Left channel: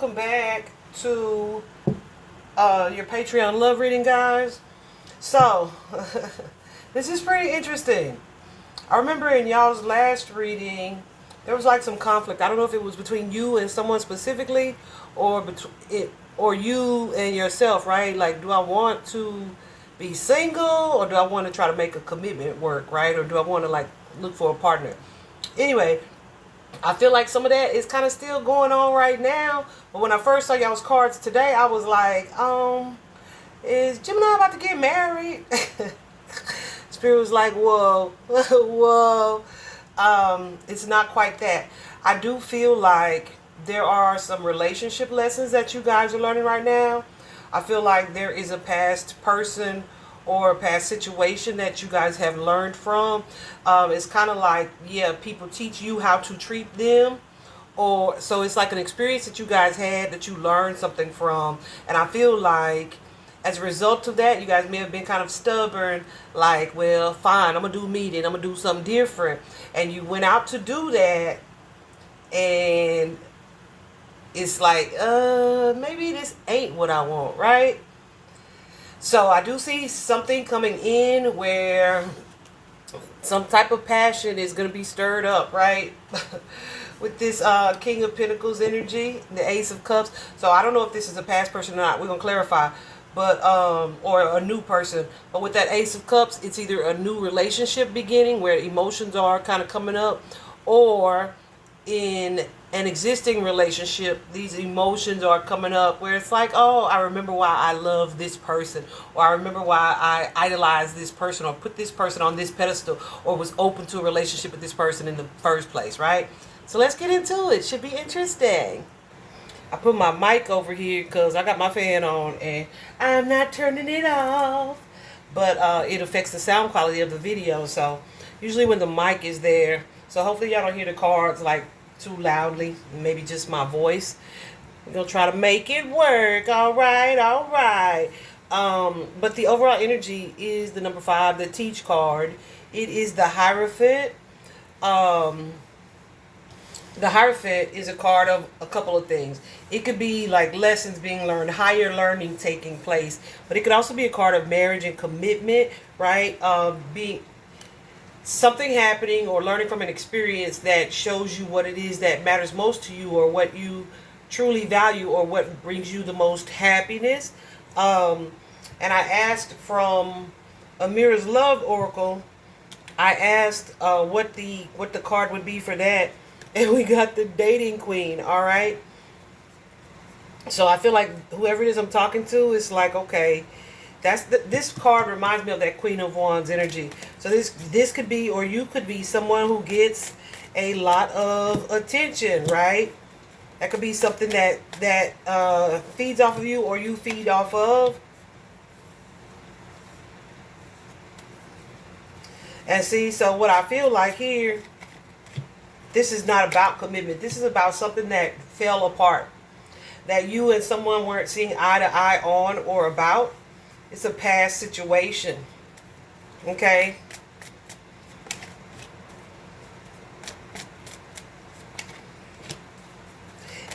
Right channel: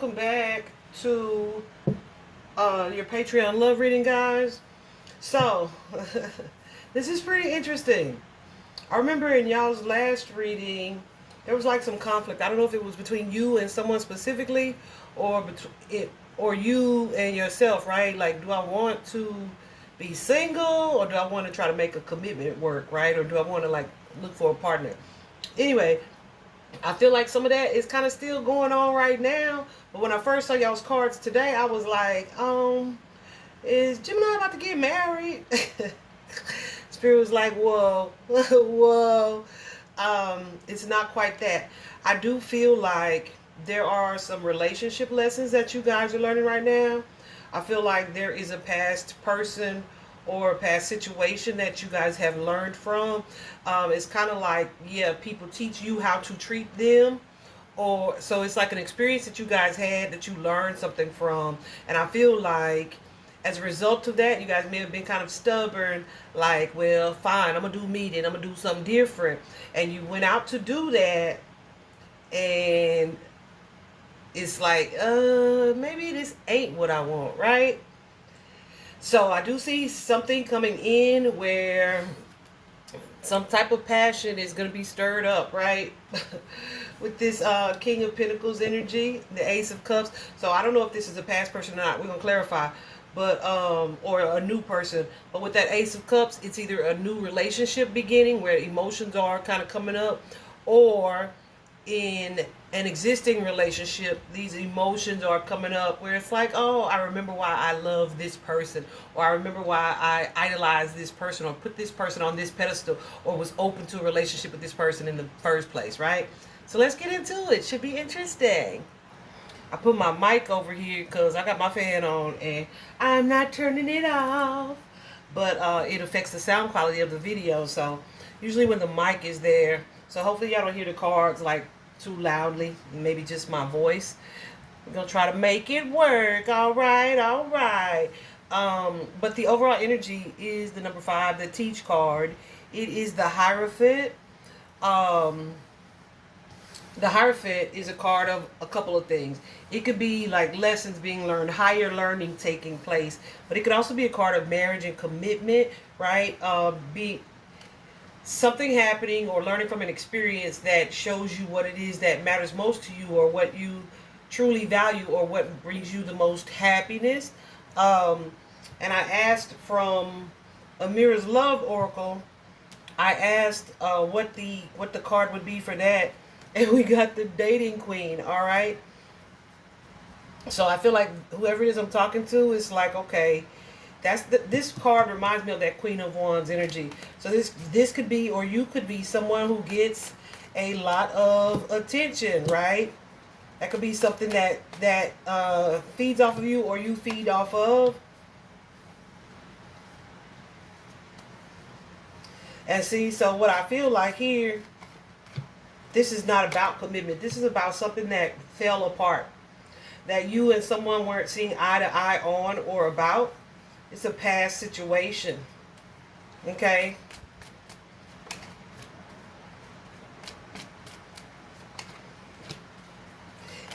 welcome back to your Patreon love reading, guys. So, this is pretty interesting. I remember in y'all's last reading, there was like some conflict. I don't know if it was between you and someone specifically, or or you and yourself, right? Like, do I want to be single, or do I want to try to make a commitment work, right? Or do I want to like look for a partner? Anyway, I feel like some of that is kind of still going on right now. But when I first saw y'all's cards today, I was like, is Gemini about to get married? Spirit was like, whoa, whoa. It's not quite that. I do feel like there are some relationship lessons that you guys are learning right now. I feel like there is a past person or a past situation that you guys have learned from. It's kind of like, yeah, people teach you how to treat them. Or so it's like an experience that you guys had that you learned something from. And I feel like as a result of that, you guys may have been kind of stubborn, like, well, fine, I'm going to do me then. I'm going to do something different. And you went out to do that. And it's like, maybe this ain't what I want, right? So I do see something coming in where some type of passion is going to be stirred up, right? With this King of Pentacles energy, the Ace of Cups. So I don't know if this is a past person or not. We're going to clarify. But, or a new person. But with that Ace of Cups, it's either a new relationship beginning where emotions are kind of coming up, or in an existing relationship, these emotions are coming up where it's like, oh, I remember why I love this person, or I remember why I idolize this person, or put this person on this pedestal, or was open to a relationship with this person in the first place, right? So let's get into it. Should be interesting. I put my mic over here because I got my fan on and I'm not turning it off. But it affects the sound quality of the video. So usually when the mic is there, so hopefully y'all don't hear the cards like too loudly, maybe just my voice. We're going to try to make it work. All right, all right. But the overall energy is the number 5, the Teach card. It is the Hierophant. The Hierophant is a card of a couple of things. It could be like lessons being learned, higher learning taking place. But it could also be a card of marriage and commitment, right? Being something happening or learning from an experience that shows you what it is that matters most to you, or what you truly value, or what brings you the most happiness. And I asked from Amira's Love Oracle, I asked what the card would be for that. And we got the Dating Queen, all right? So I feel like whoever it is I'm talking to is like, okay, this card reminds me of that Queen of Wands energy. So this could be, or you could be someone who gets a lot of attention, right? That could be something that feeds off of you, or you feed off of. And see, so what I feel like here, this is not about commitment. This is about something that fell apart, that you and someone weren't seeing eye to eye on or about. It's a past situation. Okay?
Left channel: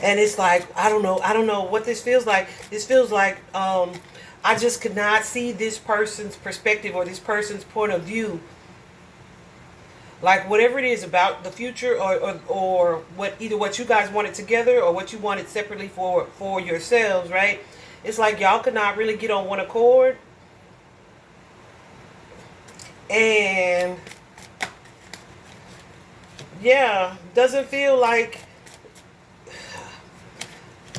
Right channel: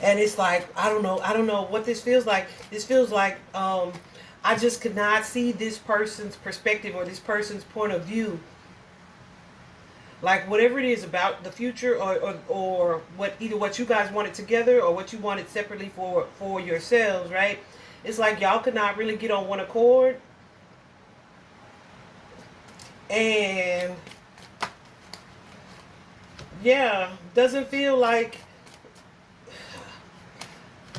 And it's like, I don't know what this feels like. This feels like I just could not see this person's perspective or this person's point of view. Like whatever it is about the future, or what, either what you guys wanted together or what you wanted separately for yourselves, right? It's like y'all could not really get on one accord. And yeah, doesn't feel like,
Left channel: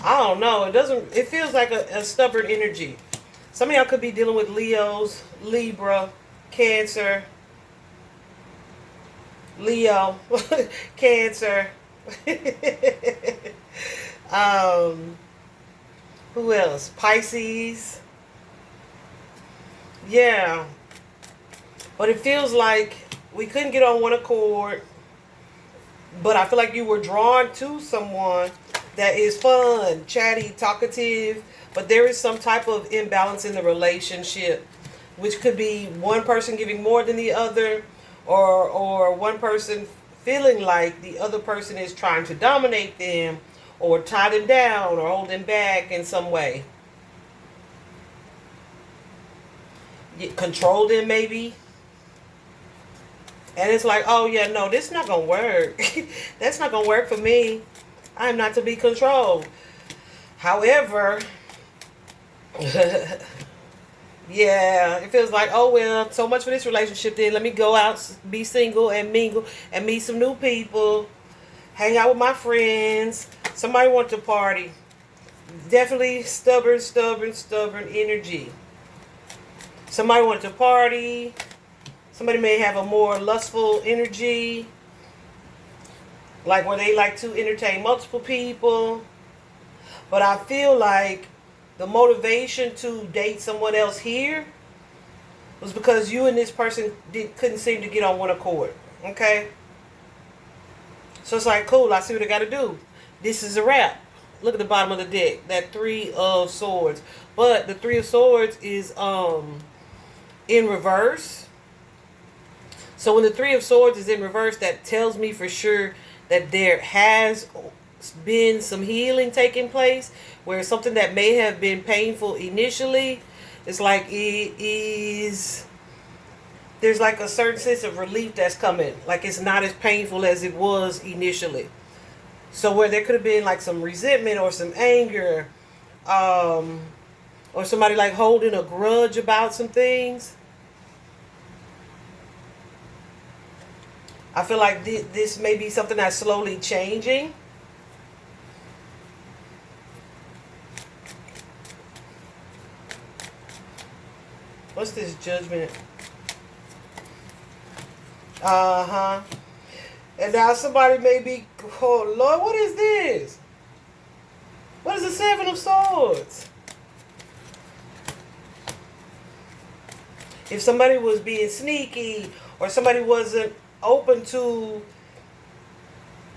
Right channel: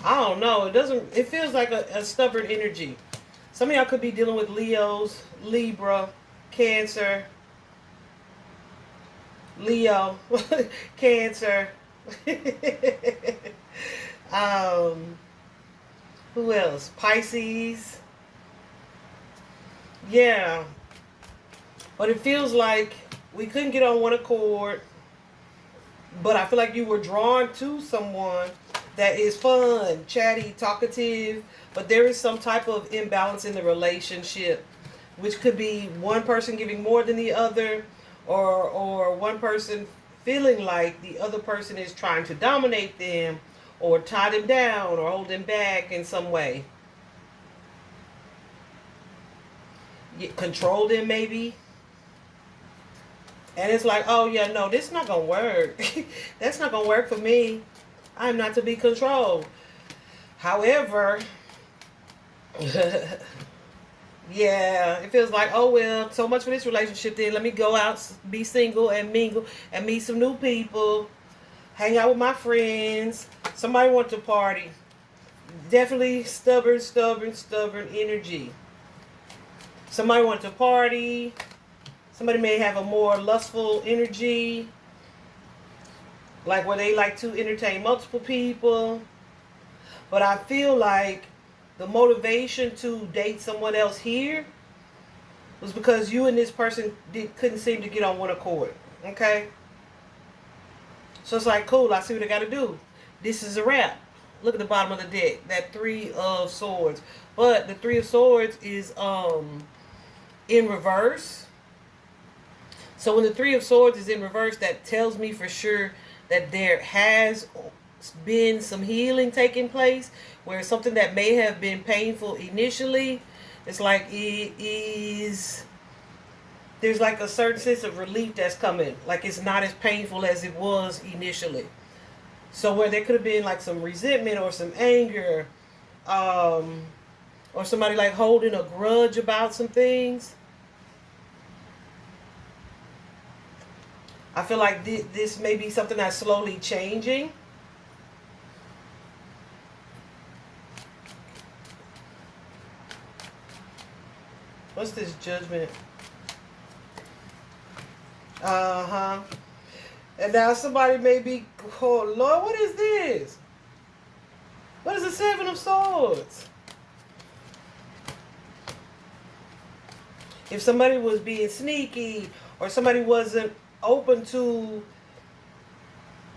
I don't know, it feels like a stubborn energy. Some of y'all could be dealing with Leos, Libra, Cancer, Leo, Cancer. Who else? Pisces. Yeah. But it feels like we couldn't get on one accord. But I feel like you were drawn to someone that is fun, chatty, talkative. But there is some type of imbalance in the relationship, which could be one person giving more than the other, or one person feeling like the other person is trying to dominate them, or tie them down or hold them back in some way. Control them maybe. And it's like, oh yeah, no, this is not going to work. That's not going to work for me. I'm not to be controlled. However, yeah, it feels like, oh well, so much for this relationship then. Let me go out, be single and mingle and meet some new people. Hang out with my friends. Somebody wants to party. Definitely stubborn energy. Somebody wants to party. Somebody may have a more lustful energy. Like where they like to entertain multiple people. But I feel like the motivation to date someone else here was because you and this person couldn't seem to get on one accord. Okay? So it's like, cool, I see what I got to do. This is a wrap. Look at the bottom of the deck. That 3 of Swords. But the 3 of Swords is in reverse. So when the 3 of Swords is in reverse, that tells me for sure that there has been some healing taking place, where something that may have been painful initially, it's like there's like a certain sense of relief that's coming. Like it's not as painful as it was initially. So where there could have been like some resentment or some anger, or somebody like holding a grudge about some things. I feel like this may be something that's slowly changing. What's this Judgment? Uh-huh. And now somebody may be, oh Lord, what is this? What is the 7 of Swords? If somebody was being sneaky or somebody wasn't open to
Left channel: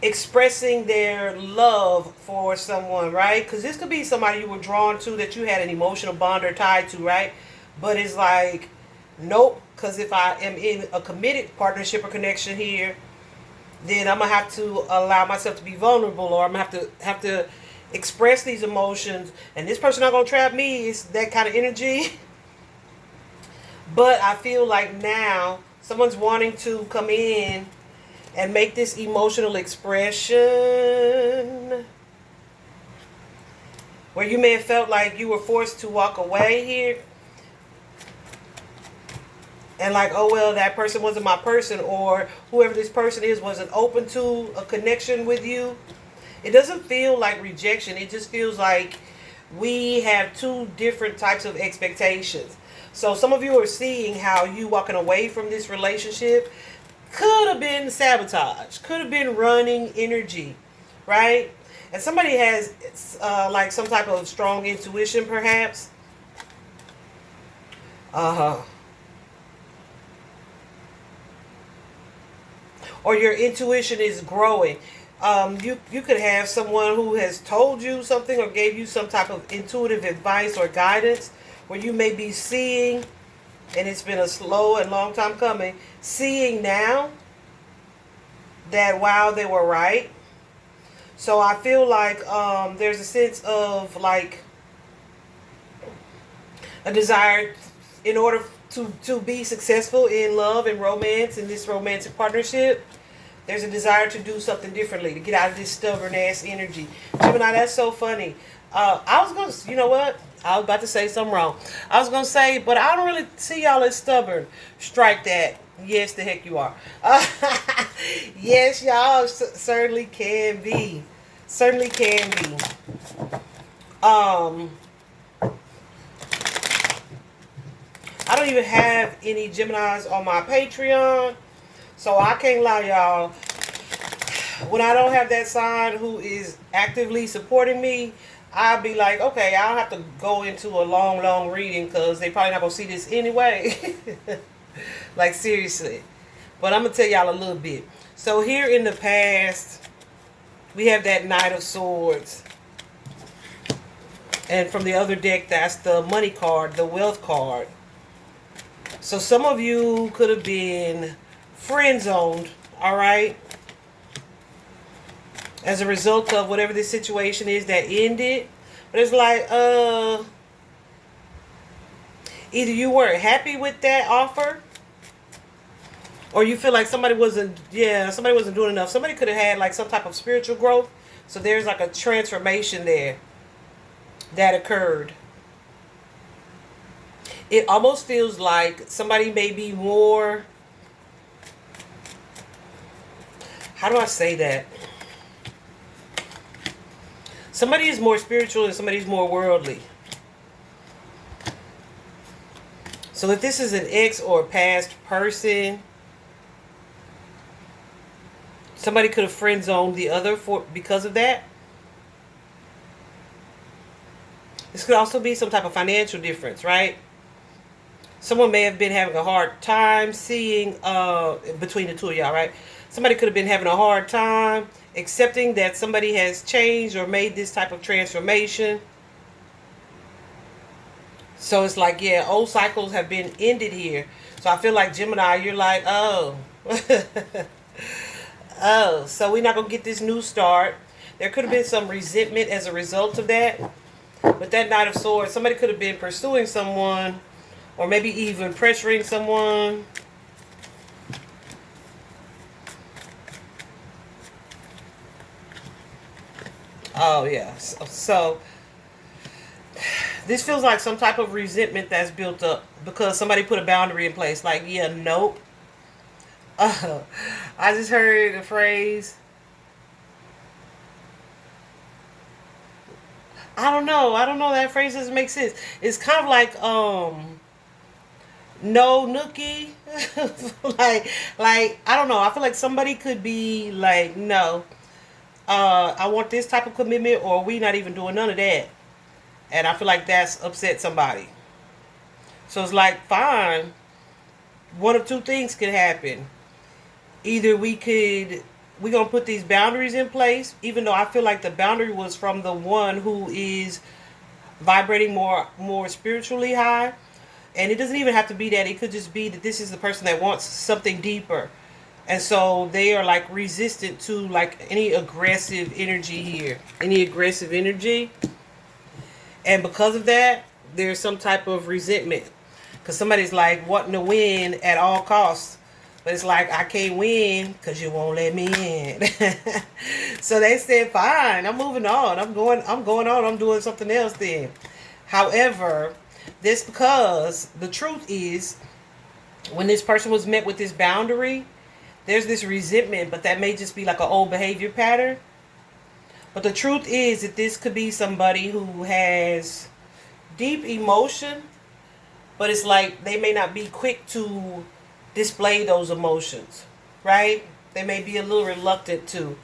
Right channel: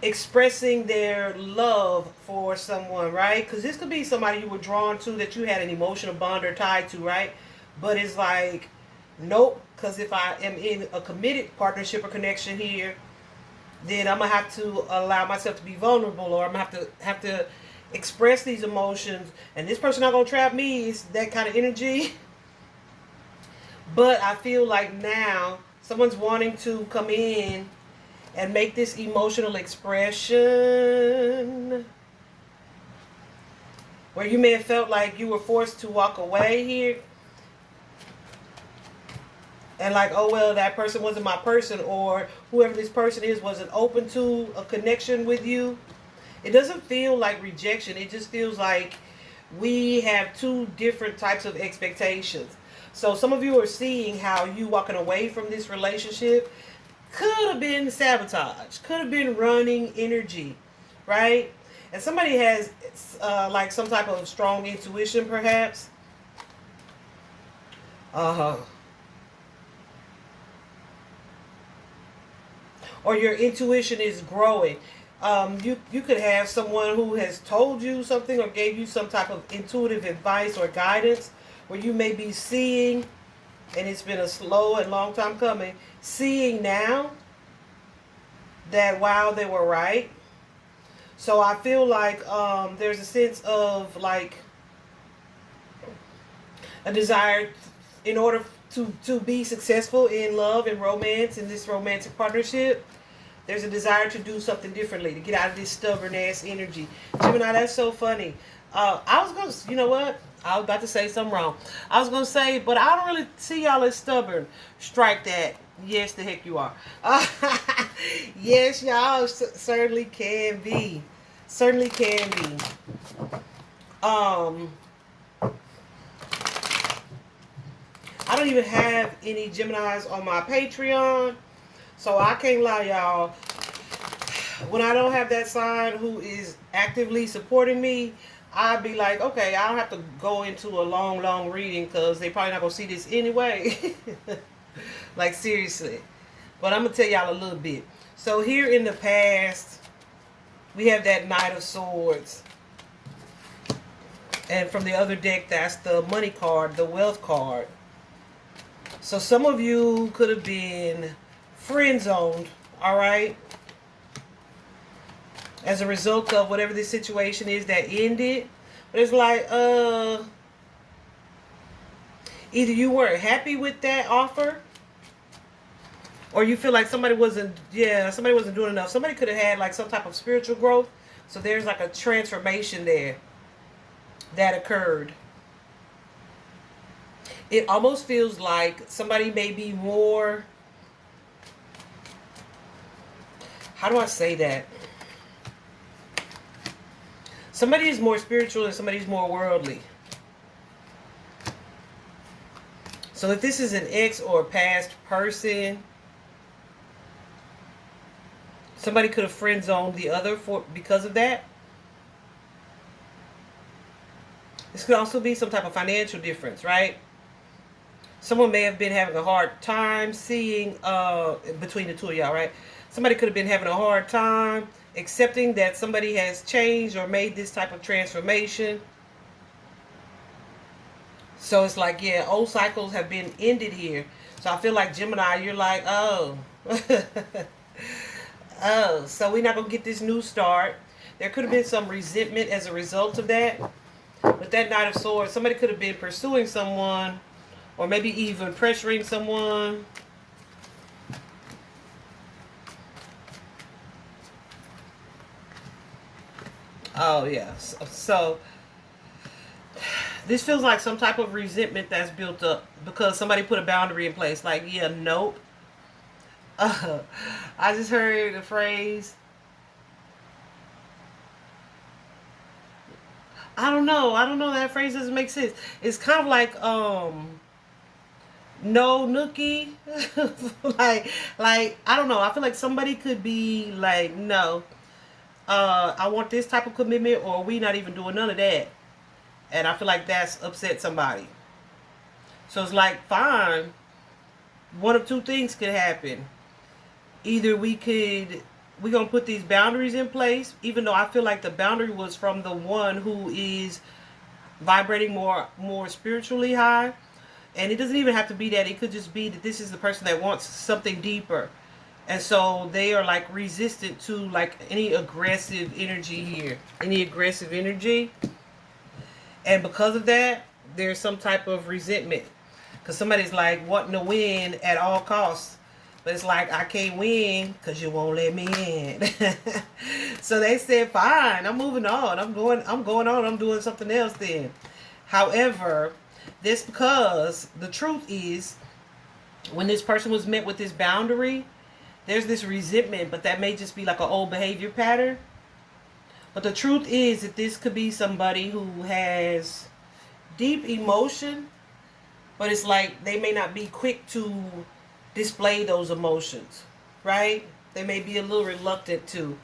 expressing their love for someone, right? Because this could be somebody you were drawn to that you had an emotional bond or tied to, right? But it's like, nope, because if I am in a committed partnership or connection here, then I'm going to have to allow myself to be vulnerable, or I'm going to have to express these emotions, and this person not going to trap me. It's that kind of energy. But I feel like now someone's wanting to come in and make this emotional expression where you may have felt like you were forced to walk away here. And like, oh, well, that person wasn't my person, or whoever this person is wasn't open to a connection with you. It doesn't feel like rejection. It just feels like we have 2 different types of expectations. So some of you are seeing how you walking away from this relationship could have been sabotage, could have been running energy, right? And somebody has like some type of strong intuition, perhaps. Or your intuition is growing. You could have someone who has told you something or gave you some type of intuitive advice or guidance, where you may be seeing, and it's been a slow and long time coming, seeing now that, wow, they were right. So I feel like there's a sense of like a desire in order to be successful in love and romance, in this romantic partnership. There's a desire to do something differently, to get out of this stubborn ass energy. Gemini, that's so funny. I was going to, you know what? I was about to say something wrong. I was going to say, but I don't really see y'all as stubborn. Strike that. Yes, the heck you are. Yes, y'all certainly can be. Certainly can be. I don't even have any Geminis on my Patreon, so I can't lie, y'all. When I don't have that sign who is actively supporting me, I'll be like, okay, I don't have to go into a long reading because they probably not going to see this anyway. Like, seriously. But I'm going to tell y'all a little bit. So here in the past, we have that Knight of Swords. And from the other deck, that's the money card, the wealth card. So some of you could have been friend zoned, all right? as a result of whatever this situation is that ended. But it's like, either you weren't happy with that offer, or you feel like somebody wasn't doing enough. Somebody could have had like some type of spiritual growth. So there's like a transformation there that occurred. It almost feels like somebody may be more, how do I say that? Somebody is more spiritual and somebody's more worldly. So if this is an ex or a past person, somebody could have friend zoned the other because of that. This could also be some type of financial difference, right? Someone may have been having a hard time seeing between the two of y'all, right? Somebody could have been having a hard time accepting that somebody has changed or made this type of transformation. So it's like, yeah, old cycles have been ended here. So I feel like Gemini, you're like, oh. Oh, so we're not going to get this new start. There could have been some resentment as a result of that. With that Knight of Swords, somebody could have been pursuing someone, or maybe even pressuring someone. Oh, yeah. So this feels like some type of resentment that's built up because somebody put a boundary in place. Like, yeah, nope. I just heard the phrase, I don't know. That phrase doesn't make sense. It's kind of like, no nookie. like, I don't know. I feel like somebody could be like, no, I want this type of commitment, or we not even doing none of that. And I feel like that's upset somebody. So it's like, fine. One of two things could happen. Either we're going to put these boundaries in place, even though I feel like the boundary was from the one who is vibrating more spiritually high. And it doesn't even have to be that. It could just be that this is the person that wants something deeper. And so they are like resistant to like any aggressive energy here. Any aggressive energy. And because of that, there's some type of resentment. Because somebody's like wanting to win at all costs. But it's like, I can't win because you won't let me in. So they said, fine, I'm moving on. I'm going on. I'm doing something else then. However, this because the truth is, when this person was met with this boundary, there's this resentment, but that may just be like an old behavior pattern. But the truth is that this could be somebody who has deep emotion, but it's like they may not be quick to display those emotions, right? They may be a little reluctant to.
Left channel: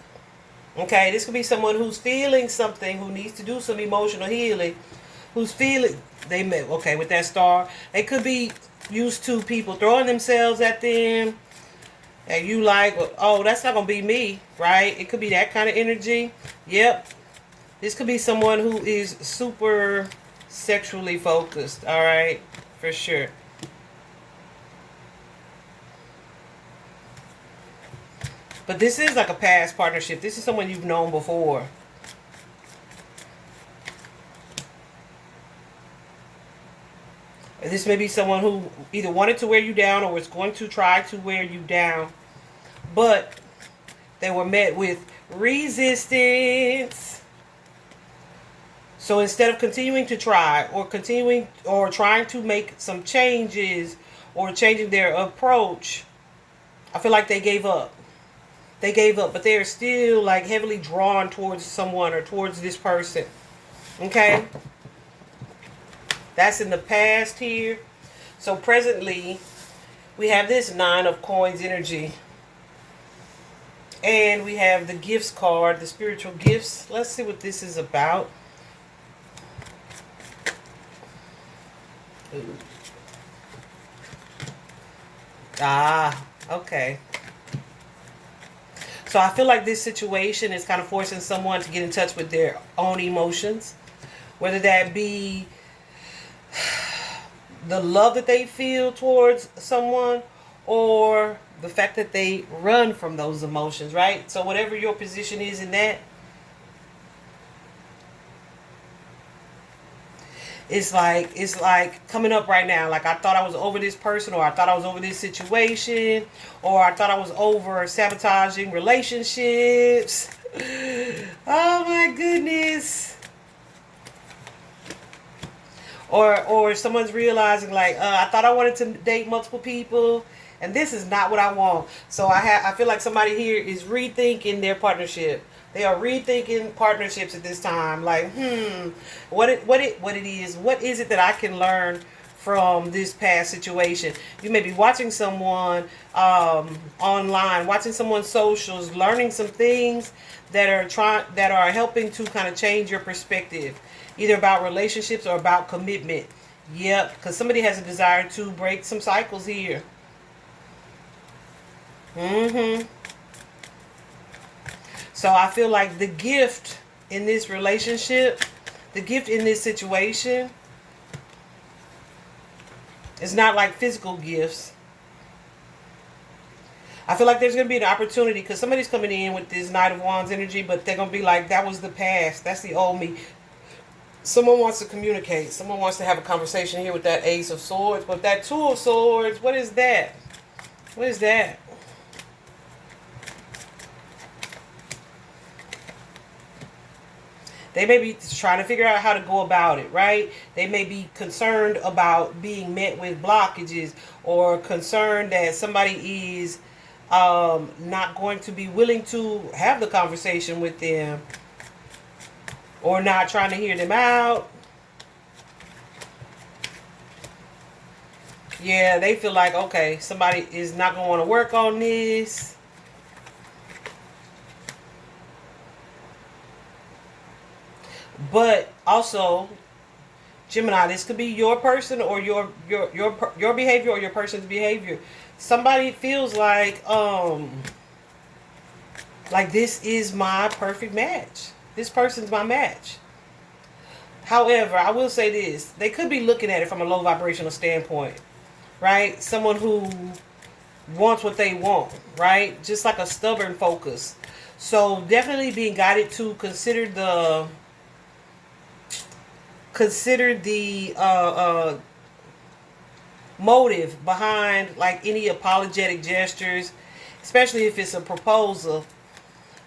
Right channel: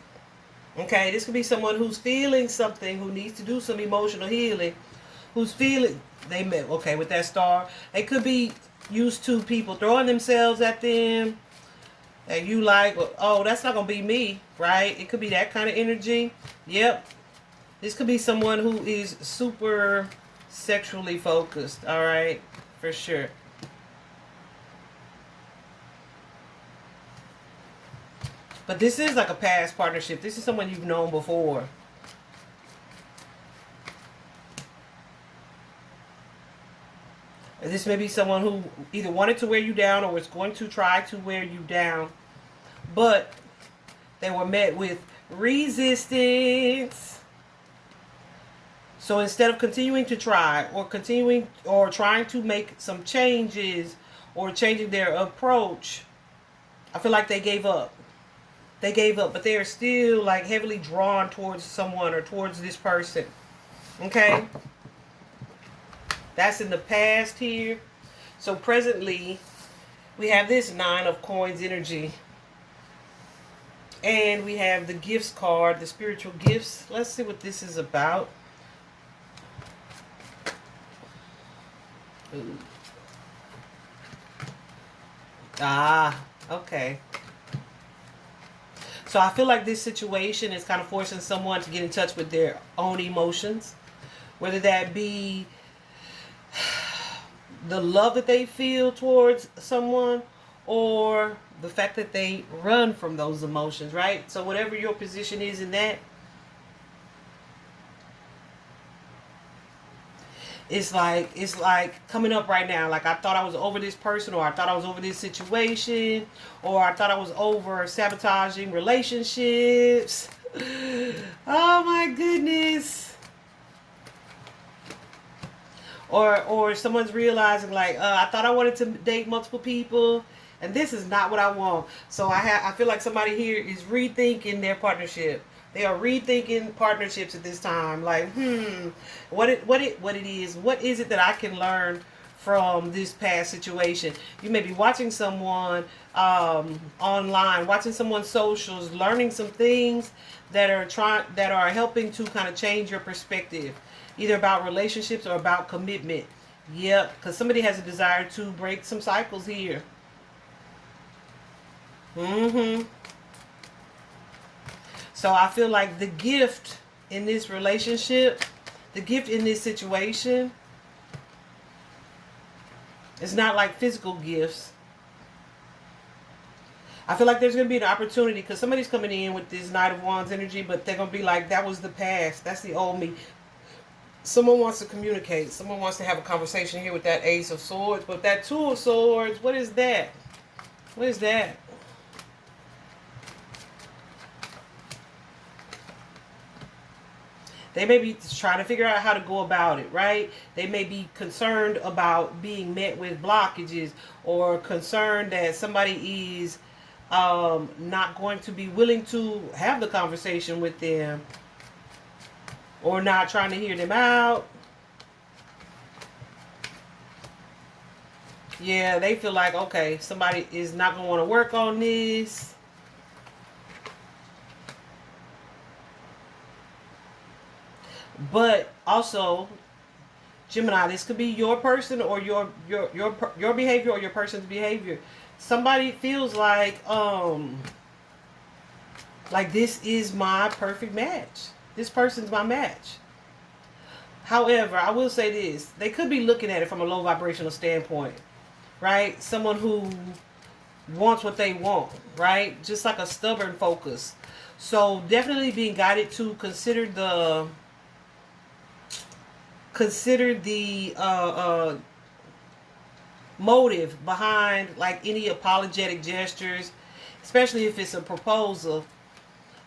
Okay, this could be someone who's feeling something, who needs to do some emotional healing, who's feeling, okay, with that star, they could be used to people throwing themselves at them, and you like, oh, that's not going to be me, right? It could be that kind of energy. Yep. This could be someone who is super sexually focused, all right? For sure. But this is like a past partnership. This is someone you've known before. This may be someone who either wanted to wear you down or was going to try to wear you down. But they were met with resistance. So instead of continuing to try or trying to make some changes or changing their approach, I feel like they gave up. They gave up, but they are still like heavily drawn towards someone or towards this person. Okay? That's in the past here. So presently, we have this 9 of Coins energy. And we have the gifts card, the spiritual gifts. Let's see what this is about. Ooh. Ah, okay. So I feel like this situation is kind of forcing someone to get in touch with their own emotions. Whether that be the love that they feel towards someone or the fact that they run from those emotions, right? So whatever your position is in that, It's like coming up right now. Like, I thought I was over this person, or I thought I was over this situation, or I thought I was over sabotaging relationships. Oh my goodness. Or someone's realizing, like, I thought I wanted to date multiple people, and this is not what I want. So I feel like somebody here is rethinking their partnership. They are rethinking partnerships at this time. Like, what is it that I can learn from this past situation? You may be watching someone online, watching someone's socials, learning some things that are helping to kind of change your perspective, either about relationships or about commitment. Yep, because somebody has a desire to break some cycles here. So I feel like the gift in this relationship, the gift in this situation, is not like physical gifts. I feel like there's going to be an opportunity, because somebody's coming in with this Knight of Wands energy, but they're going to be like, that was the past. That's the old me. Someone wants to communicate. Someone wants to have a conversation here with that Ace of Swords. But that Two of Swords, what is that? What is that? They may be trying to figure out how to go about it, right? They may be concerned about being met with blockages, or concerned that somebody is not going to be willing to have the conversation with them, or not trying to hear them out. Yeah, they feel like, okay, somebody is not going to want to work on this. But also, Gemini, this could be your person, or your behavior, or your person's behavior. Somebody feels like this is my perfect match. This person's my match. However, I will say this. They could be looking at it from a low vibrational standpoint, right? Someone who wants what they want, right? Just like a stubborn focus. So definitely being guided to consider the motive behind, like, any apologetic gestures, especially if it's a proposal.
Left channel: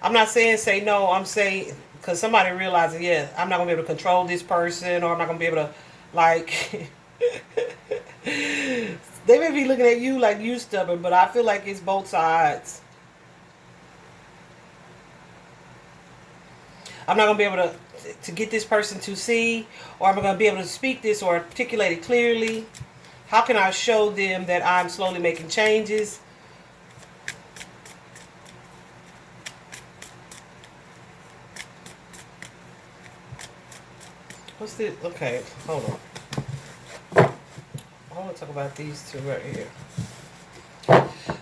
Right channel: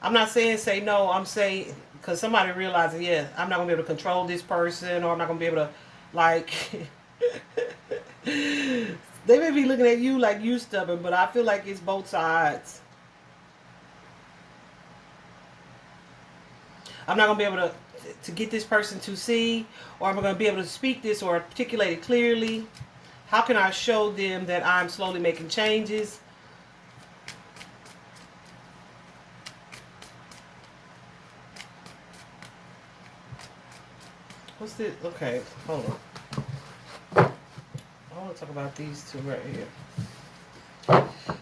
I'm not saying say no. I'm saying, because somebody realizes, yeah, I'm not going to be able to control this person, or I'm not going to be able to, like, they may be looking at you like you stubborn, but I feel like it's both sides. I'm not going to be able to get this person to see, or I'm going to be able to speak this or articulate it clearly. How can I show them that I'm slowly making changes? What's this? Okay, hold on. I want to talk about these two right here.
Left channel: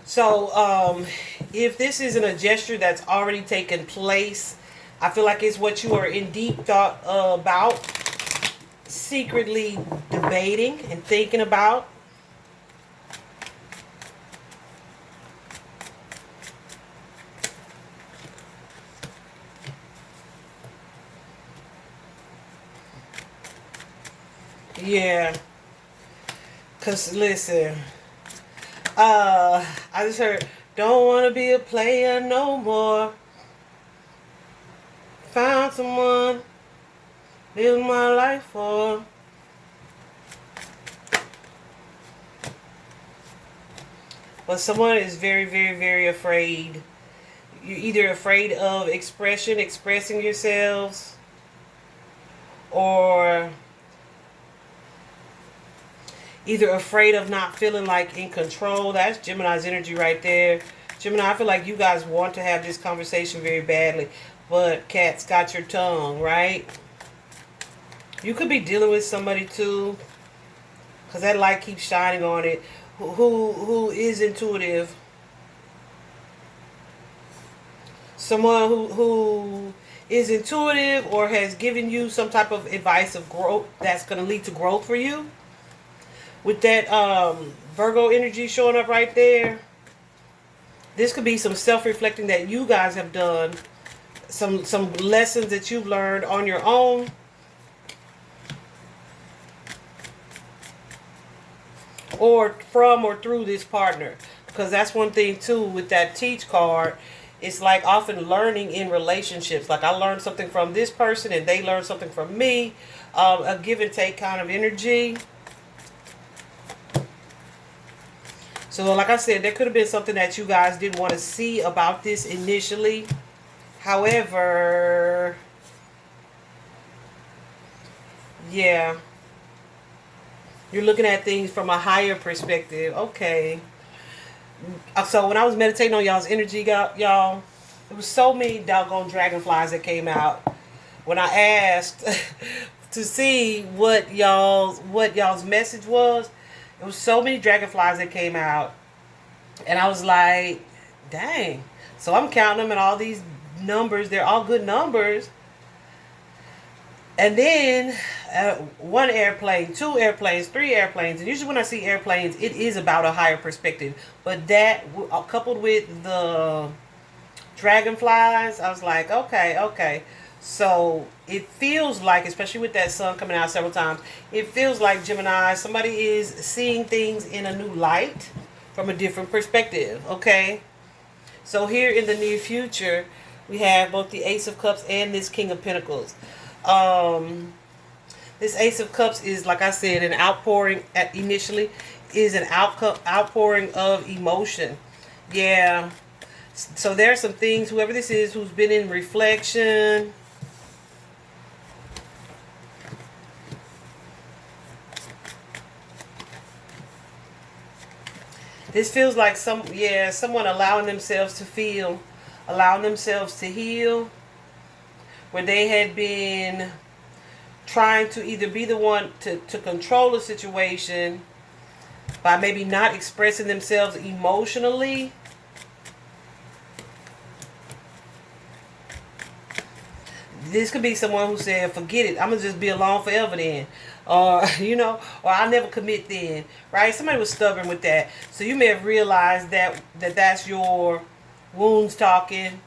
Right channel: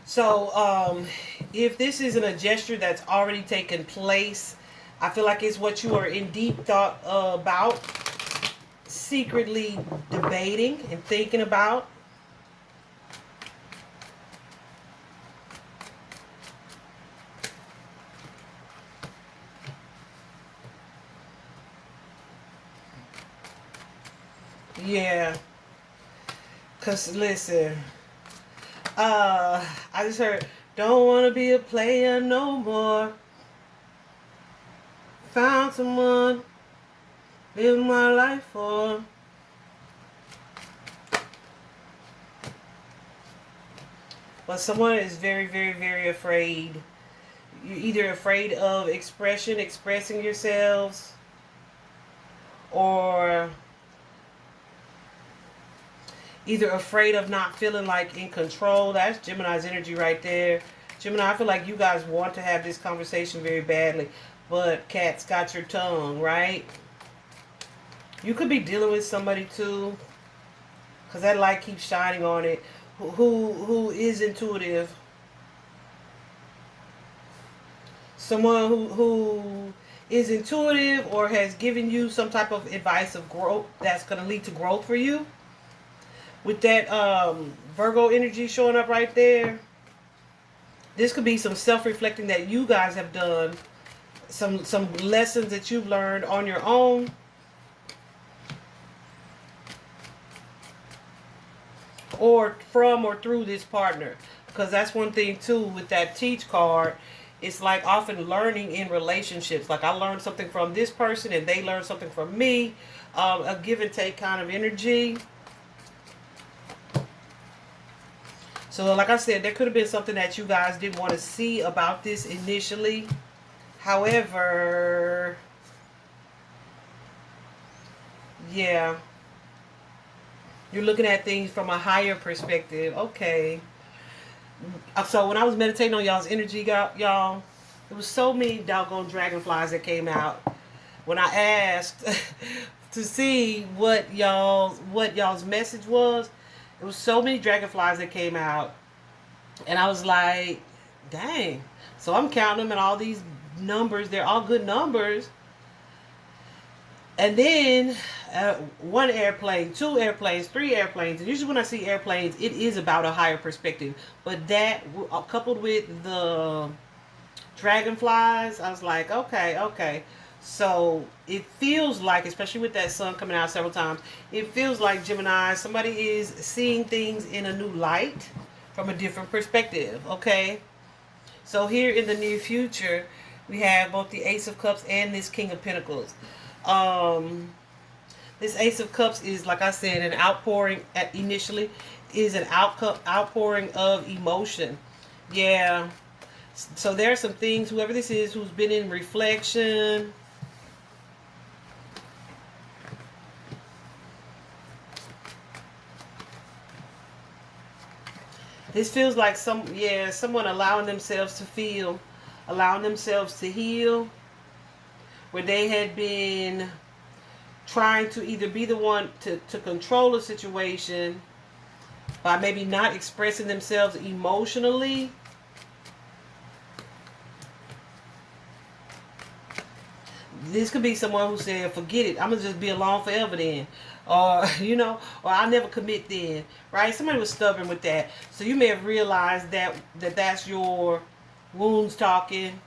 So, if this isn't a gesture that's already taken place, I feel like it's what you are in deep thought about, secretly debating and thinking about. Yeah, because listen, I just heard, don't want to be a player no more. Found someone, live my life for. But someone is very, very, very afraid. You're either afraid of expressing yourselves, or either afraid of not feeling like in control. That's Gemini's energy right there. Gemini, I feel like you guys want to have this conversation very badly, but cat's got your tongue, right? You could be dealing with somebody too, because that light keeps shining on it, who is intuitive. Someone who is intuitive, or has given you some type of advice of growth that's going to lead to growth for you. With that Virgo energy showing up right there, this could be some self-reflecting that you guys have done, some lessons that you've learned on your own. or from or through this partner. Because that's one thing too with that teach card. It's like often learning in relationships. Like I learned something from this person and they learned something from me. A give and take kind of energy. So like I said, there could have been something that you guys didn't want to see about this initially. However, yeah, you're looking at things from a higher perspective. Okay. So when I was meditating on y'all's energy, y'all, there was so many doggone dragonflies that came out. When I asked to see what y'all's message was, there was so many dragonflies that came out. And I was like, dang. So I'm counting them and all these numbers, they're all good numbers. And then one airplane, two airplanes, three airplanes. And usually when I see airplanes, it is about a higher perspective. But that, coupled with the dragonflies, I was like, okay, okay. So it feels like, especially with that sun coming out several times, it feels like, Gemini, somebody is seeing things in a new light from a different perspective, okay? So here in the near future, we have both the Ace of Cups and this King of Pentacles. This Ace of Cups is, like I said, an outpouring initially, is an outpouring of emotion. Yeah. So there are some things, whoever this is, who's been in reflection. This feels like someone allowing themselves to feel, allowing themselves to heal, where they had been trying to either be the one to control a situation by maybe not expressing themselves emotionally. This could be someone who said, forget it, I'm going to just be alone forever then. You know, or I'll never commit then, right? Somebody was stubborn with that. So you may have realized that's your wounds talking.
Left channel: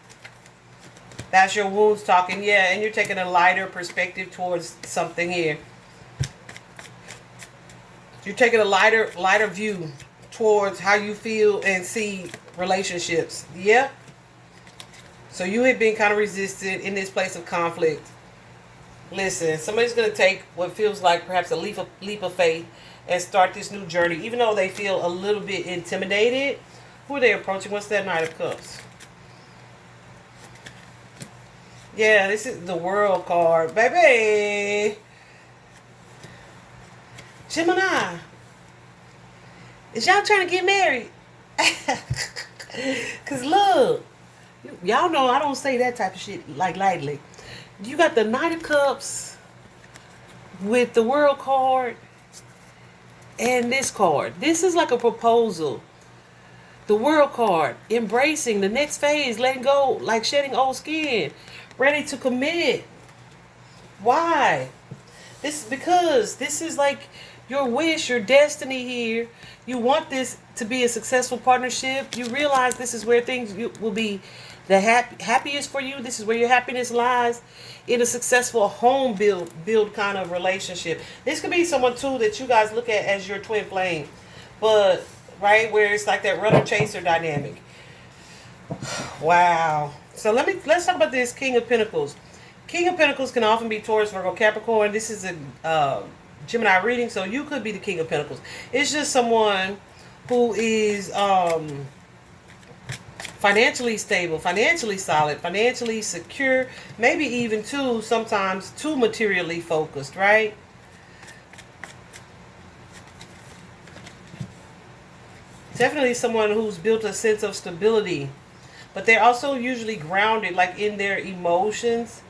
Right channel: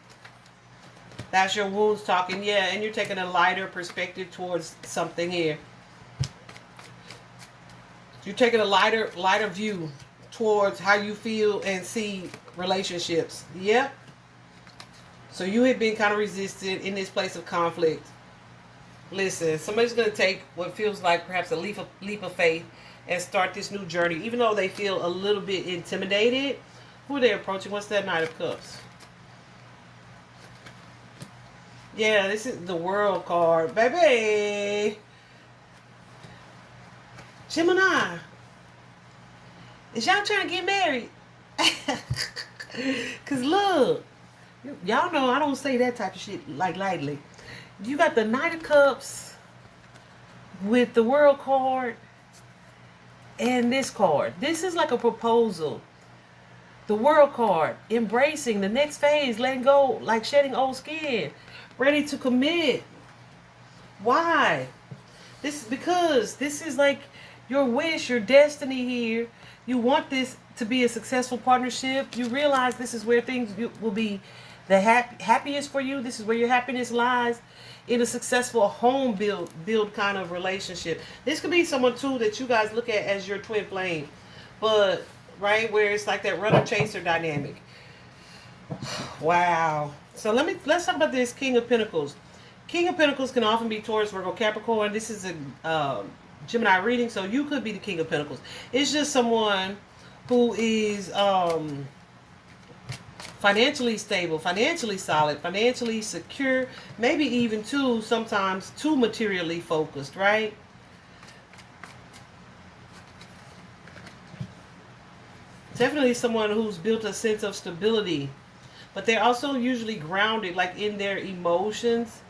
That's your wounds talking, yeah, and you're taking a lighter perspective towards something here. You're taking a lighter view towards how you feel and see relationships. Yep. So you have been kind of resistant in this place of conflict. Listen, somebody's going to take what feels like perhaps a leap of faith and start this new journey, even though they feel a little bit intimidated. Who are they approaching? What's that Knight of Cups? Yeah, this is the World card, baby. Gemini, is y'all trying to get married? Because look, y'all know I don't say that type of shit like lightly. You got the Knight of Cups with the World card and this card. This is like a proposal. The World card, embracing the next phase, letting go, like shedding old skin, ready to commit. Why? Because this is like your wish, your destiny here. You want this to be a successful partnership. You realize this is where things will be the happiest for you. This is where your happiness lies, in a successful home build kind of relationship. This could be someone too that you guys look at as your twin flame, but right where it's like that runner chaser dynamic. Wow. So let's talk about this King of Pentacles. King of Pentacles can often be Taurus, Virgo, Capricorn. This is a Gemini reading, so you could be the King of Pentacles. It's just someone who is financially stable, financially solid, financially secure, maybe even sometimes too materially focused, right? Definitely someone who's built a sense of stability, but they're also usually grounded, like in their emotions,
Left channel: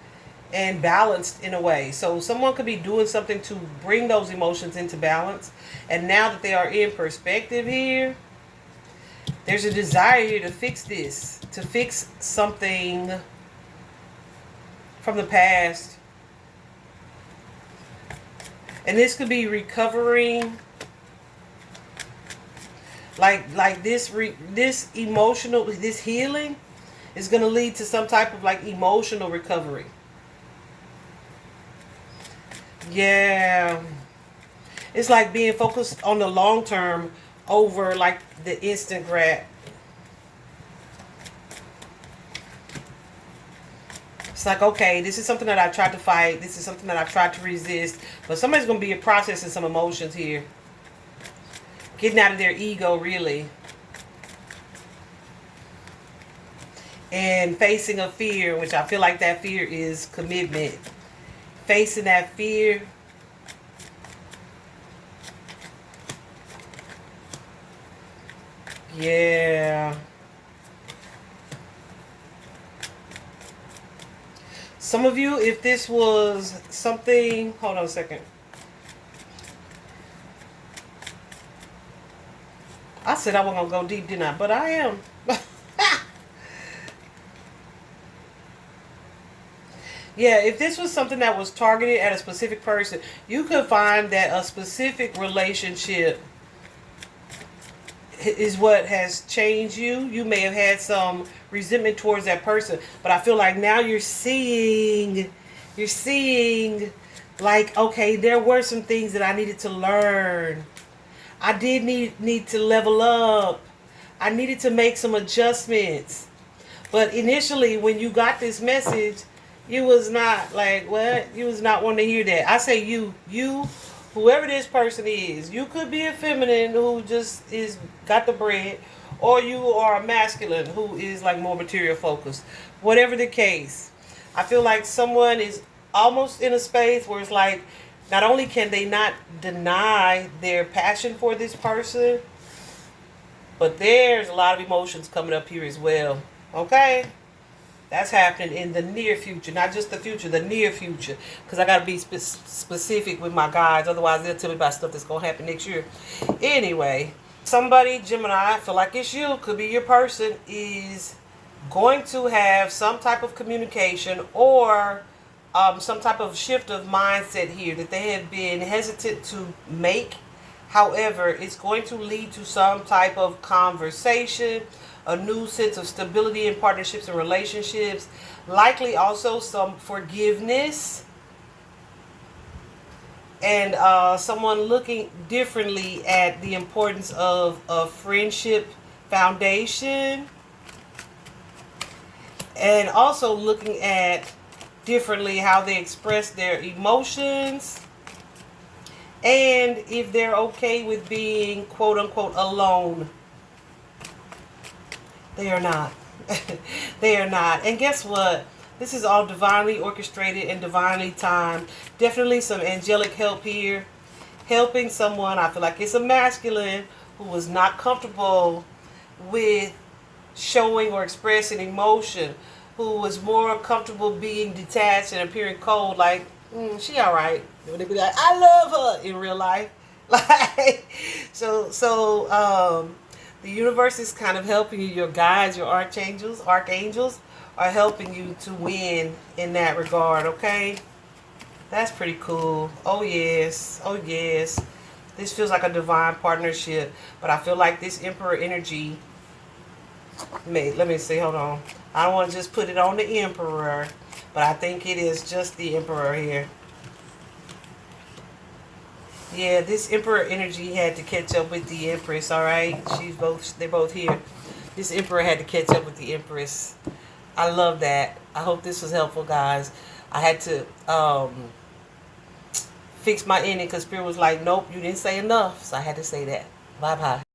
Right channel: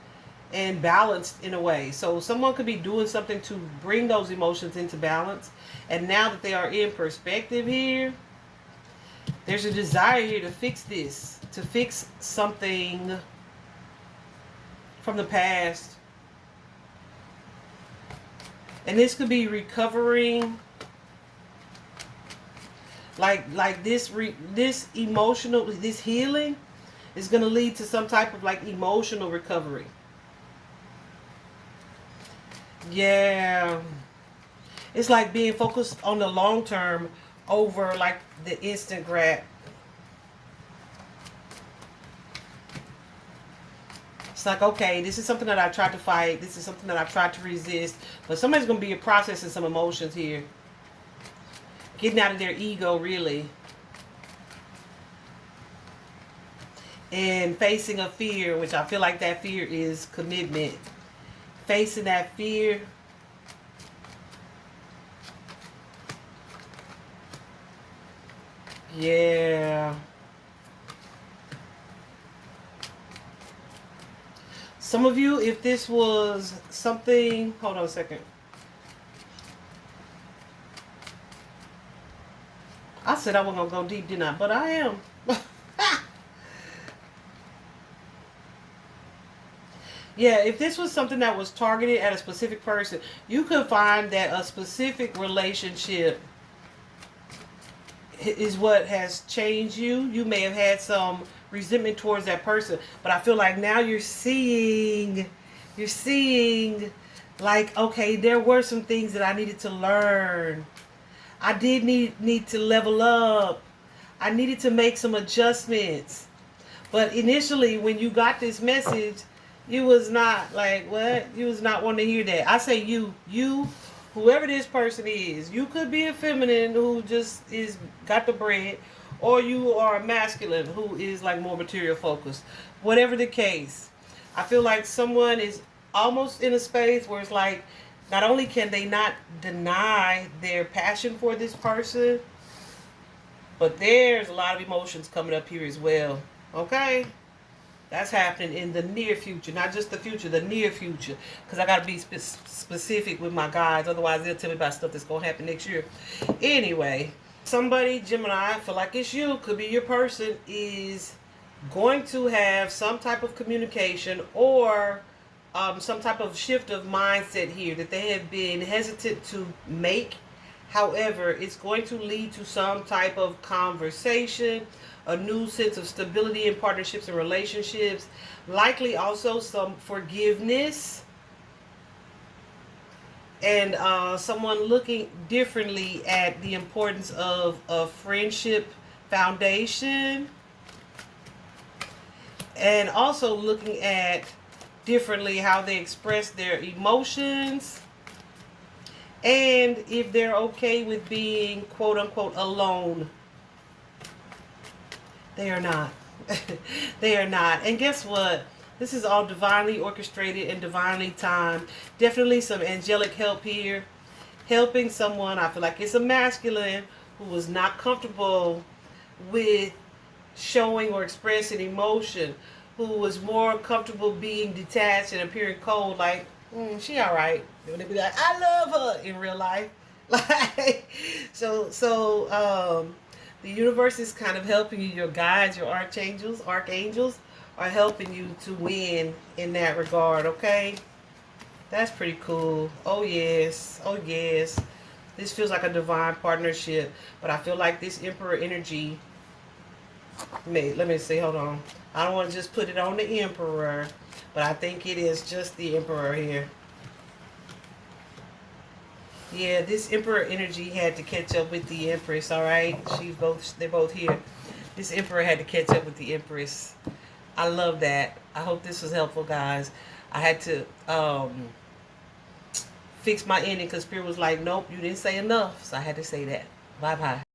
and balanced in a way. So someone could be doing something to bring those emotions into balance, and now that they are in perspective here, there's a desire here to fix this, to fix something from the past. And this could be recovering, like this emotional, this healing is going to lead to some type of like emotional recovery. Yeah. It's like being focused on the long term over like the instant grab. It's like, okay, this is something that I've tried to fight. This is something that I've tried to resist. But somebody's going to be processing some emotions here. Getting out of their ego, really. And facing a fear, which I feel like that fear is commitment. Facing that fear. Yeah. Some of you, if this was something... Hold on a second. I said I wasn't going to go deep, didn't I? But I am. Yeah, if this was something that was targeted at a specific person, you could find that a specific relationship is what has changed you. You may have had some resentment towards that person, but I feel like now you're seeing like, okay, there were some things that I needed to learn. I did need to level up. I needed to make some adjustments. But initially, when you got this message, you was not like, what? You was not wanting to hear that. I say you, whoever this person is. You could be a feminine who just got the bread, or you are a masculine who is like more material focused. Whatever the case, I feel like someone is almost in a space where it's like, not only can they not deny their passion for this person, but there's a lot of emotions coming up here as well. Okay? That's happening in the near future, not just the future, the near future. Because I got to be specific with my guides. Otherwise, they'll tell me about stuff that's going to happen next year. Anyway, somebody, Gemini, I feel like it's you, could be your person, is going to have some type of communication or some type of shift of mindset here that they have been hesitant to make. However, it's going to lead to some type of conversation, a new sense of stability in partnerships and relationships, likely also some forgiveness, and someone looking differently at the importance of a friendship foundation, and also looking at differently how they express their emotions, and if they're okay with being quote unquote alone. They are not. They are not. And guess what? This is all divinely orchestrated and divinely timed. Definitely some angelic help here. Helping someone. I feel like it's a masculine who was not comfortable with showing or expressing emotion. Who was more comfortable being detached and appearing cold. Like, she all right. They be like, I love her in real life. Like, the universe is kind of helping you. Your guides, your archangels are helping you to win in that regard, okay? That's pretty cool. Oh, yes. Oh, yes. This feels like a divine partnership. But I feel like this Emperor energy... Let me see. Hold on. I don't want to just put it on the Emperor. But I think it is just the Emperor here. Yeah, this Emperor energy had to catch up with the Empress, alright? They're both here. This Emperor had to catch up with the Empress. I love that. I hope this was helpful, guys. I had to fix my ending because Spirit was like, nope, you didn't say enough. So I had to say that. Bye-bye.